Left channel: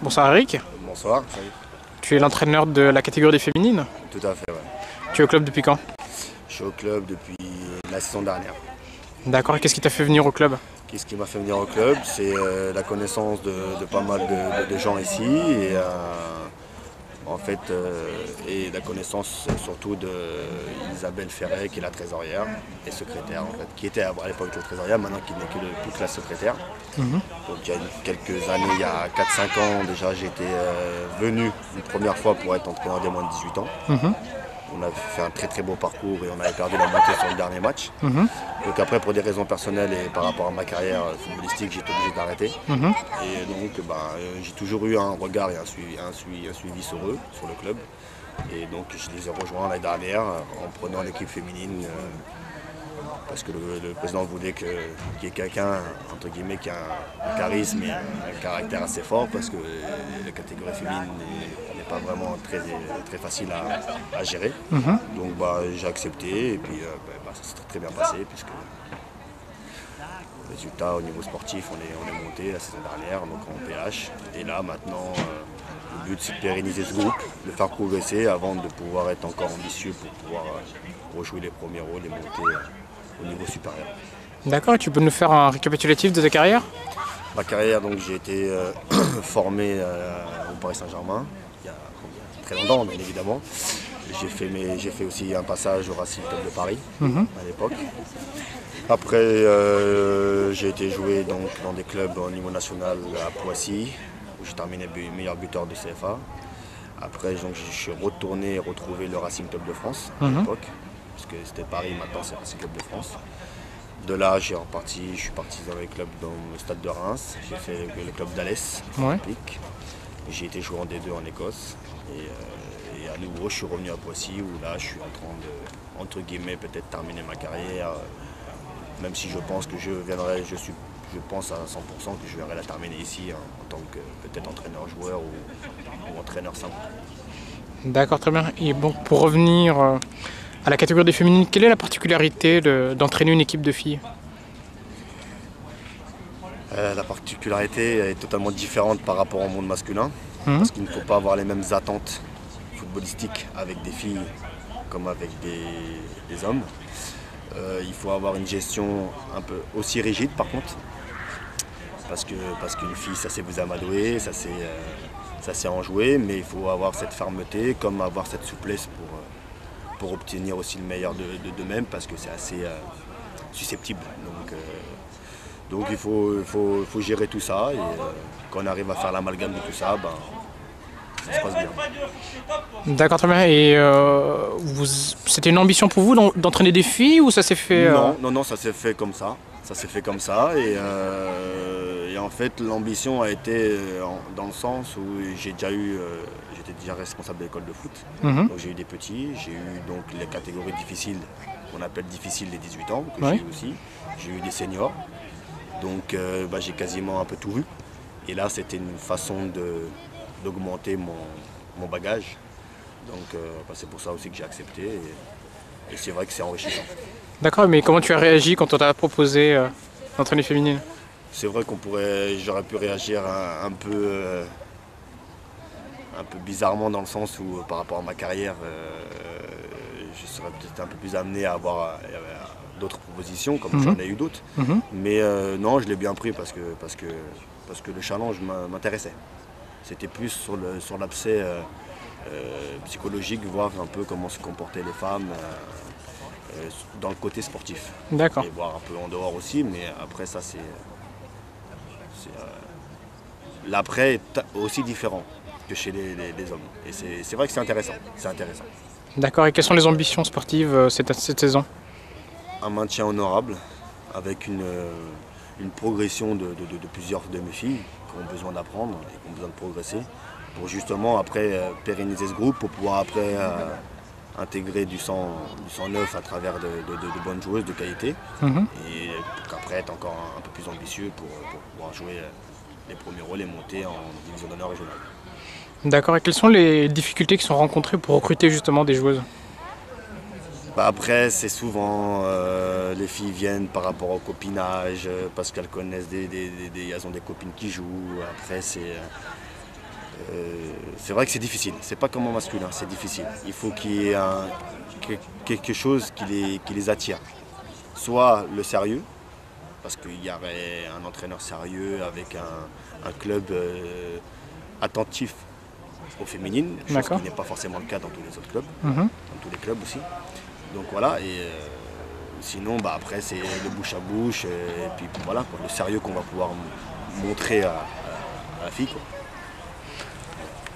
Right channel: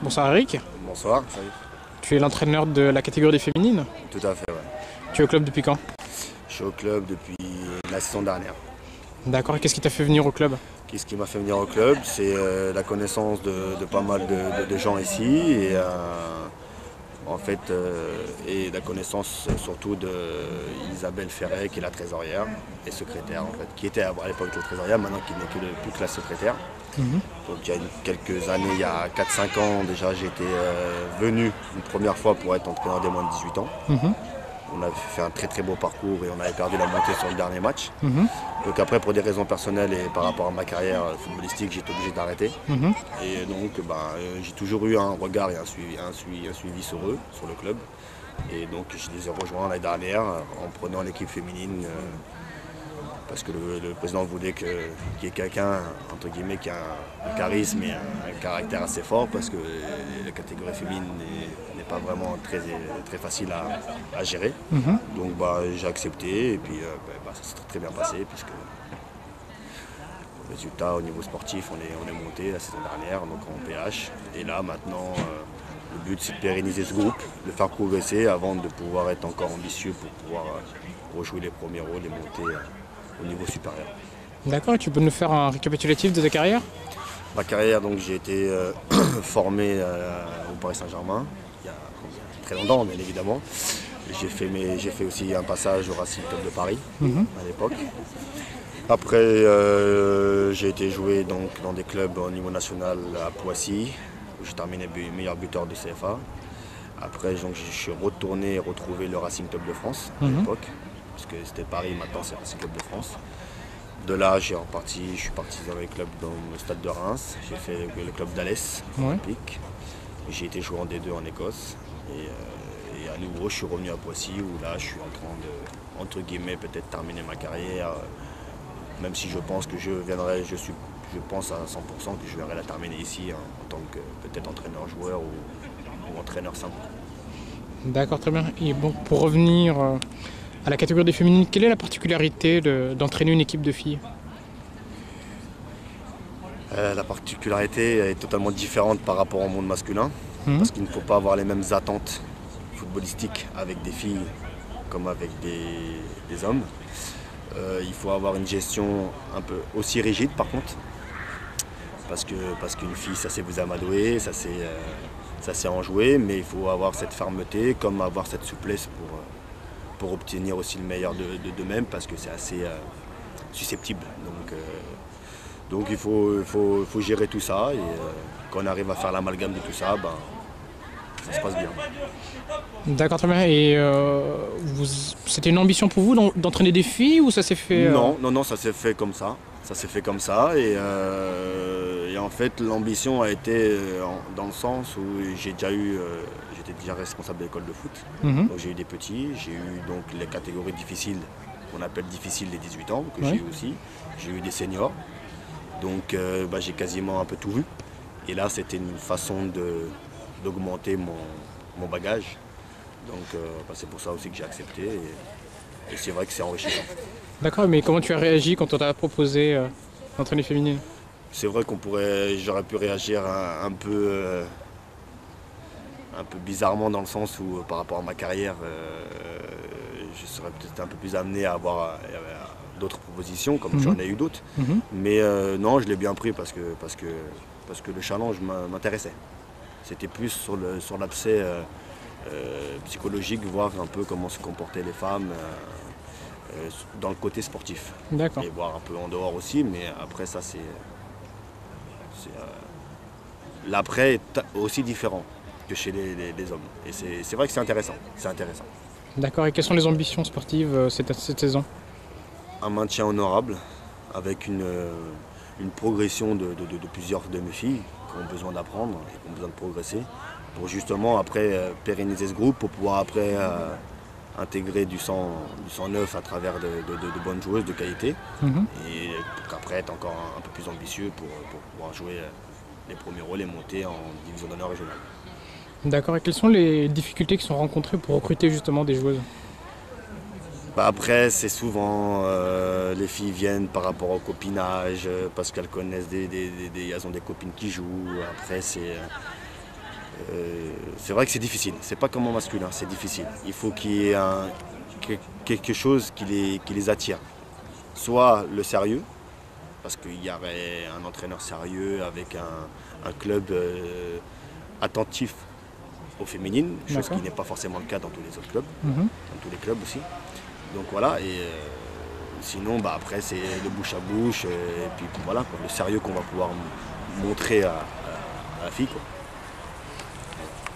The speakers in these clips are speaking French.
Bonsoir Eric, Bonsoir, salut. tu es l'entraîneur de la catégorie des féminines. Tout à fait, ouais. Tu es au club depuis quand? Je suis au club depuis la saison dernière. D'accord, et qu'est-ce qui t'a fait venir au club? Qu'est-ce qui m'a fait venir au club? C'est la connaissance de pas mal de gens ici et et la connaissance surtout de Isabelle Ferret qui est la trésorière et secrétaire en fait, qui était à l'époque la trésorière, maintenant qui n'est plus que la secrétaire. Donc il y a quelques années, il y a 4-5 ans déjà, j'étais venu une première fois pour être entraîneur des moins de 18 ans. On avait fait un très très beau parcours et on avait perdu la montée sur le dernier match. Donc après, pour des raisons personnelles et par rapport à ma carrière footballistique, j'étais obligé d'arrêter. Et donc j'ai toujours eu un regard et un suivi sur eux, sur le club. Et donc je les ai rejoints l'année dernière en prenant l'équipe féminine parce que le président voulait qu'il y ait quelqu'un entre guillemets qui a un charisme et un caractère assez fort parce que la catégorie féminine n'est pas vraiment très facile à gérer. Donc j'ai accepté et puis ça s'est très bien passé puisque résultat au niveau sportif on est monté la saison dernière donc en PH et là maintenant le but c'est de pérenniser ce groupe, de faire progresser avant de pouvoir être encore ambitieux pour pouvoir rejouer les premiers rôles et monter au niveau supérieur. D'accord, et tu peux nous faire un récapitulatif de ta carrière? Ma carrière, donc j'ai été formé au Paris Saint-Germain il y a très longtemps, bien évidemment. J'ai fait aussi un passage au Racing Club de Paris à l'époque. Après, j'ai été joué donc, dans des clubs au niveau national à Poissy, où j'ai terminé meilleur buteur de CFA. Après, donc, je suis retourné retrouver le Racing Club de France à l'époque, puisque c'était Paris, maintenant c'est Racing Club de France. De là, je suis parti dans les clubs dans le stade de Reims. J'ai fait le club d'Alès, Ouais. J'ai été joué en D2 en Écosse. Et à nouveau, je suis revenu à Poissy où là, je suis en train de, entre guillemets, peut-être terminer ma carrière. Même si je pense que je pense à 100% que je verrai la terminer ici en tant que peut-être entraîneur-joueur ou entraîneur simple. D'accord, très bien. Et bon, pour revenir à la catégorie des féminines, quelle est la particularité d'entraîner une équipe de filles? La particularité est totalement différente par rapport au monde masculin, parce qu'il ne faut pas avoir les mêmes attentes footballistiques avec des filles comme avec des hommes. Il faut avoir une gestion un peu aussi rigide par contre, parce qu'une fille ça sait vous amadouer, ça sait en jouer, mais il faut avoir cette fermeté comme avoir cette souplesse pour obtenir aussi le meilleur d'eux-mêmes parce que c'est assez susceptible. Donc il faut gérer tout ça et quand on arrive à faire l'amalgame de tout ça, ça se passe bien. D'accord, très bien. Et c'était une ambition pour vous d'entraîner des filles ou ça s'est fait Non, ça s'est fait comme ça. Ça s'est fait comme ça et en fait l'ambition a été dans le sens où j'étais déjà responsable de l'école de foot. Donc j'ai eu des petits, j'ai eu donc les catégories difficiles, qu'on appelle difficiles les 18 ans, que Ouais. j'ai eu aussi. J'ai eu des seniors. Donc j'ai quasiment un peu tout vu. Et là c'était une façon d'augmenter mon bagage. Donc c'est pour ça aussi que j'ai accepté et c'est vrai que c'est enrichissant. D'accord, mais comment tu as réagi quand on t'a proposé d'entraîner féminine? C'est vrai j'aurais pu réagir un peu bizarrement dans le sens où par rapport à ma carrière, je serais peut-être un peu plus amené à avoir d'autres propositions, comme j'en ai eu d'autres. Mais non, je l'ai bien pris parce que le challenge m'intéressait. C'était plus sur l'aspect psychologique, voir un peu comment se comportaient les femmes dans le côté sportif. D'accord. Et voir un peu en dehors aussi, mais après ça l'après est aussi différent que chez les hommes. Et c'est vrai que c'est intéressant. C'est intéressant. D'accord, et quelles sont les ambitions sportives cette saison? Un maintien honorable avec une progression de plusieurs de mes filles qui ont besoin d'apprendre et qui ont besoin de progresser pour justement après pérenniser ce groupe pour pouvoir après intégrer du sang neuf à travers de bonnes joueuses de qualité et pour qu'après être encore un peu plus ambitieux pour pouvoir jouer les premiers rôles et monter en division d'honneur régionale. D'accord, et quelles sont les difficultés qui sont rencontrées pour recruter justement des joueuses? Après, c'est souvent les filles viennent par rapport au copinage, parce qu'elles connaissent elles ont des copines qui jouent. Après, C'est vrai que c'est difficile, c'est pas comme en masculin, c'est difficile. Il faut qu'il y ait quelque chose qui les attire. Soit le sérieux, parce qu'il y avait un entraîneur sérieux avec un club attentif aux féminines, chose qui n'est pas forcément le cas dans tous les autres clubs, dans tous les clubs aussi. Donc voilà, et sinon après c'est le bouche à bouche, et puis voilà, quoi, le sérieux qu'on va pouvoir montrer à la fille, quoi.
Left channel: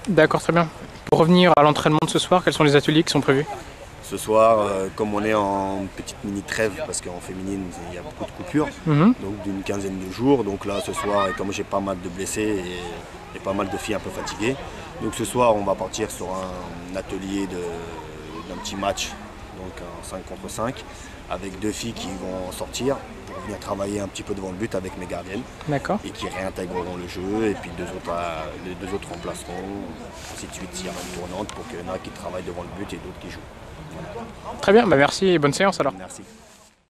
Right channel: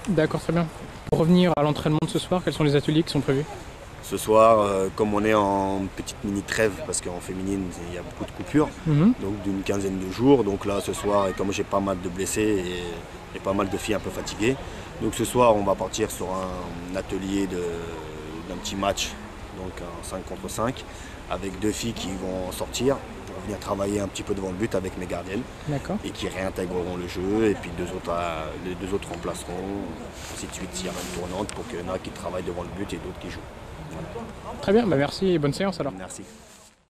D'accord, très bien. Pour revenir à l'entraînement de ce soir, quels sont les ateliers qui sont prévus? Ce soir, comme on est en petite mini trêve, parce qu'en féminine il y a beaucoup de coupures, donc d'une quinzaine de jours, donc là ce soir, et comme j'ai pas mal de blessés et pas mal de filles un peu fatiguées, donc ce soir on va partir sur un atelier d'un petit match, donc un 5 contre 5, avec 2 filles qui vont sortir pour venir travailler un petit peu devant le but avec mes gardiennes. D'accord. Et qui réintégreront le jeu, et puis les 2 autres remplaceront, ainsi de suite s'il y a une tournante, pour qu'il y en a qui travaillent devant le but et d'autres qui jouent. Voilà. Très bien, merci et bonne séance alors. Merci.